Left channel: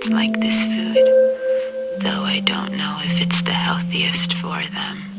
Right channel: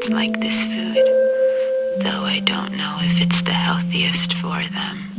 cats like this food, though I don't know if it's the healthiest for them.